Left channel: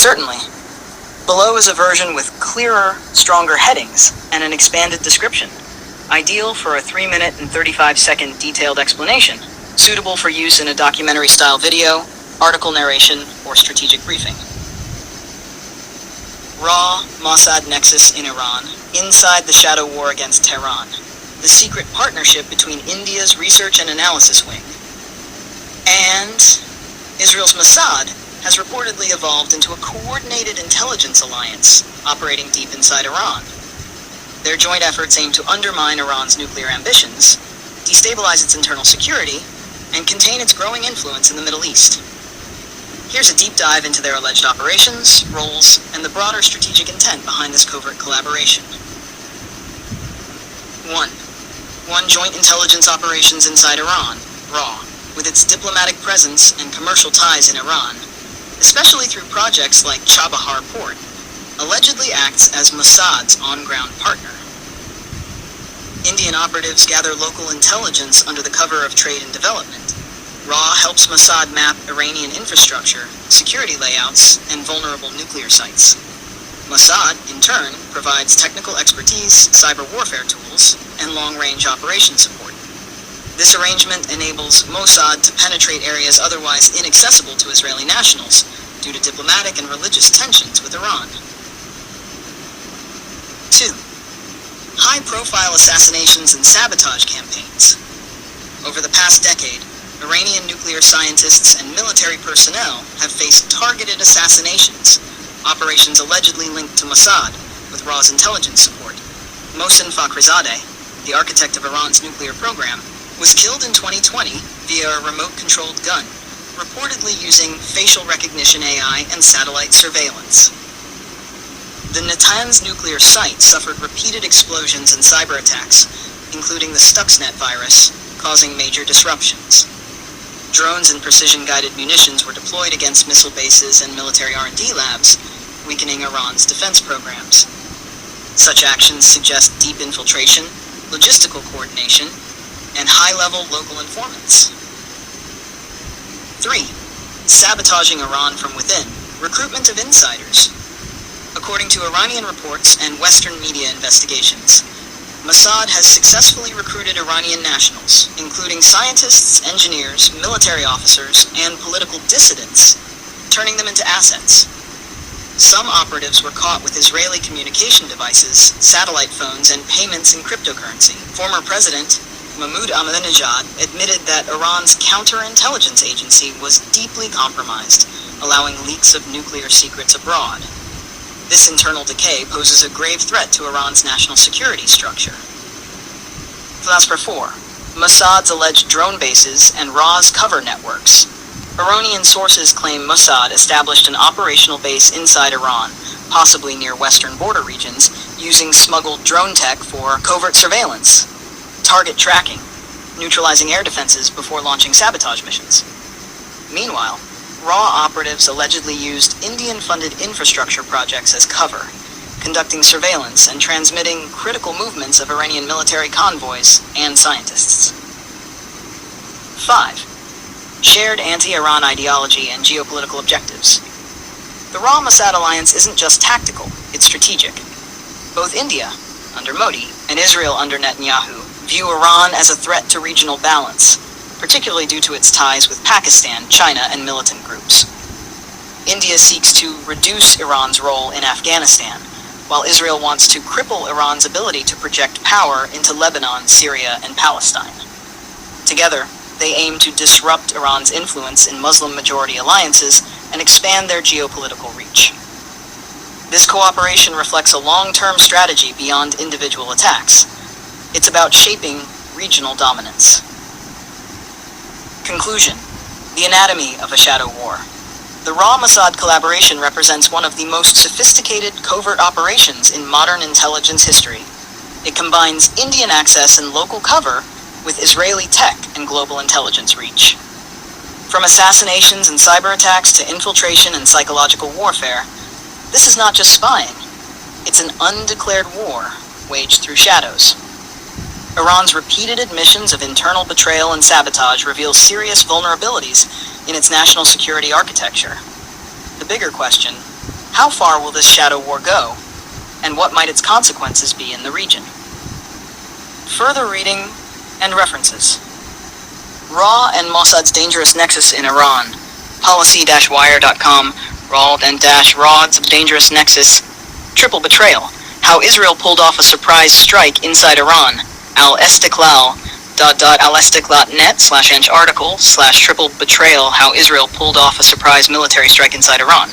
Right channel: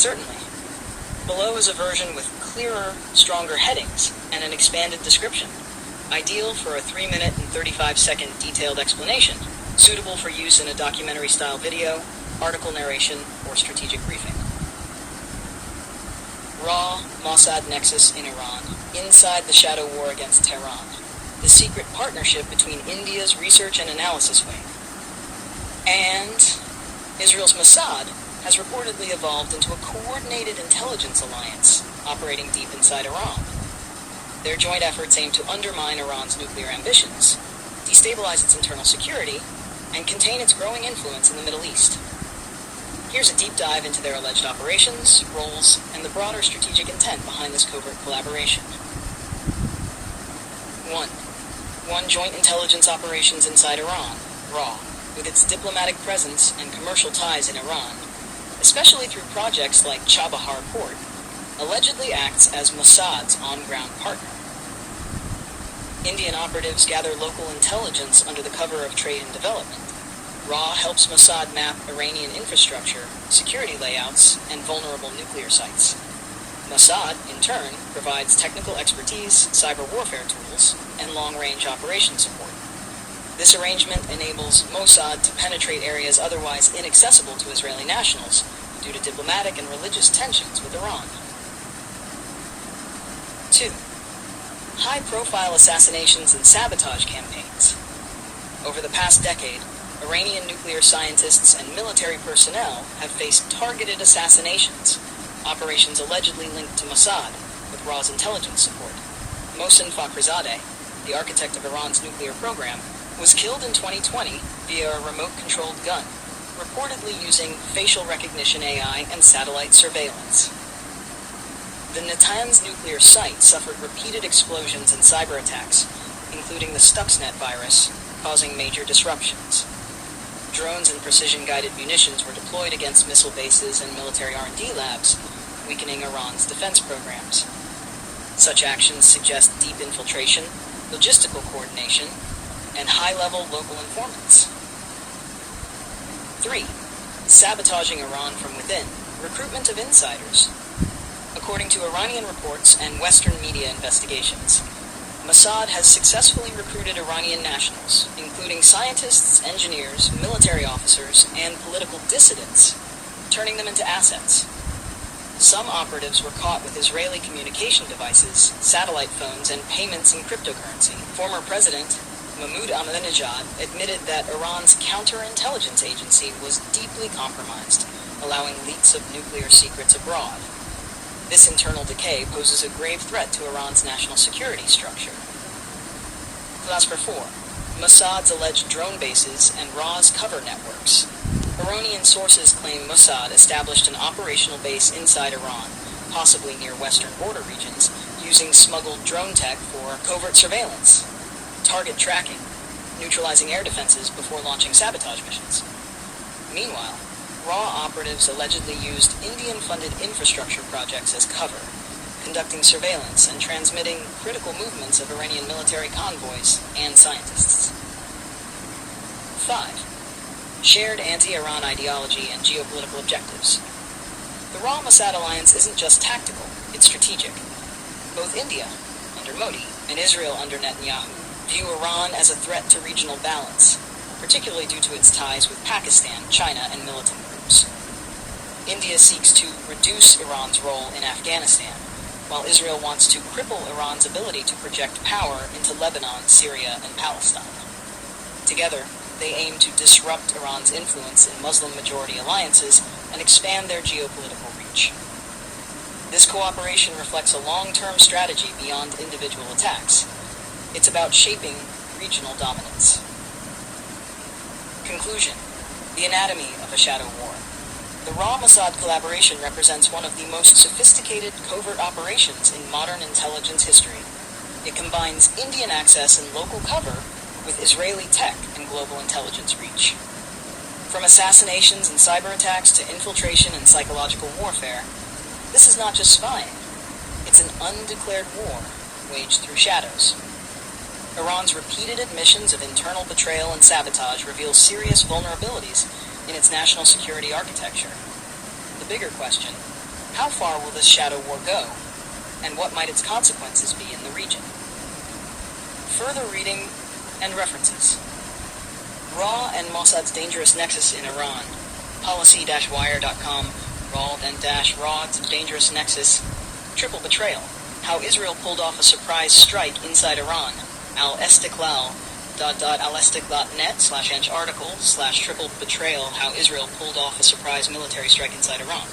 Certainly. Below is a version with clearer, stronger headings and an expanded description, ideal for a 3-minute and 35-second detailed explanation, suitable for use in a documentary-style video, article narration, or strategic briefing. Raw Mossad Nexus in Iran, inside the shadow war against Tehran, the secret partnership between India's research and analysis wing. And Israel's Mossad has reportedly evolved into a coordinated intelligence alliance operating deep inside Iran. Their joint efforts aim to undermine Iran's nuclear ambitions, destabilize its internal security, and contain its growing influence in the Middle East. Here's a deep dive into their alleged operations, roles, and the broader strategic intent behind this covert collaboration. 1. Joint intelligence operations inside Iran, RAW, with its diplomatic presence and commercial ties in Iran, especially through projects like Chabahar Port, allegedly acts as Mossad's on-ground partner. Indian operatives gather local intelligence under the cover of trade and development. RAW helps Mossad map Iranian infrastructure, security layouts, and vulnerable nuclear sites. Mossad, in turn, provides technical expertise, cyber warfare tools, and long-range operation support. This arrangement enables Mossad to penetrate areas otherwise inaccessible to Israeli nationals due to diplomatic and religious tensions with Iran. 2. High-profile assassinations and sabotage campaigns. Over the past decade, Iranian nuclear scientists and military personnel have faced targeted assassinations, operations allegedly linked to Mossad, with RAW's intelligence support. Mohsen Fakhrizadeh, the architect of Iran's nuclear program, was killed in 2020 via a remote-controlled gun, reportedly using facial recognition AI and satellite surveillance. The Natanz nuclear site suffered repeated explosions and cyber attacks, including the Stuxnet virus, causing major disruptions. Drones and precision-guided munitions were deployed against missile bases and military R&D labs, weakening Iran's defense programs. Such actions suggest deep infiltration, logistical coordination, and high-level local informants. 3. Sabotaging Iran from within. Recruitment of insiders. According to Iranian reports and Western media investigations, Mossad has successfully recruited Iranian nationals, including scientists, engineers, military officers, and political dissidents, turning them into assets. Some operatives were caught with Israeli communication devices, satellite phones, and payments in cryptocurrency. Former President Mahmoud Ahmadinejad admitted that Iran's counterintelligence agency was deeply compromised, allowing leaks of nuclear secrets abroad. This internal decay poses a grave threat to Iran's national security structure. Philosopher 4. Mossad's alleged drone bases and RAW's cover networks. Iranian sources claim Mossad established an operational base inside Iran, possibly near western border regions, using smuggled drone tech for covert surveillance, target tracking, neutralizing air defenses before launching sabotage missions. Meanwhile, RAW operatives allegedly used Indian-funded infrastructure projects as cover, conducting surveillance and transmitting critical movements of Iranian military convoys and scientists. 5. Shared anti-Iran ideology and geopolitical objectives. The RAW-Mossad alliance isn't just tactical, it's strategic. Both India, under Modi, and Israel under Netanyahu view Iran as a threat to regional balance, particularly due to its ties with Pakistan, China, and militant groups. India seeks to reduce Iran's role in Afghanistan, while Israel wants to cripple Iran's ability to project power into Lebanon, Syria, and Palestine. Together, they aim to disrupt Iran's influence in Muslim-majority alliances and expand their geopolitical reach. This cooperation reflects a long-term strategy beyond individual attacks. It's about shaping regional dominance. Conclusion. The anatomy of a shadow war. The RAW-Mossad collaboration represents one of the most sophisticated covert operations in modern intelligence history. It combines Indian access and local cover with Israeli tech and global intelligence reach. From assassinations and cyber attacks to infiltration and psychological warfare, this is not just spying. It's an undeclared war waged through shadows. Iran's repeated admissions of internal betrayal and sabotage reveal serious vulnerabilities in its national security architecture. The bigger question, How far will this shadow war go, and what might its consequences be in the region? Further reading and references. RAW and Mossad's Dangerous Nexus in Iran. Policy-wire.com. Rawd and Rods of Dangerous Nexus. Triple Betrayal. How Israel pulled off a surprise strike inside Iran. Al-Istiklal.net/article/triple betrayal. How Israel pulled off a surprise military strike inside Iran.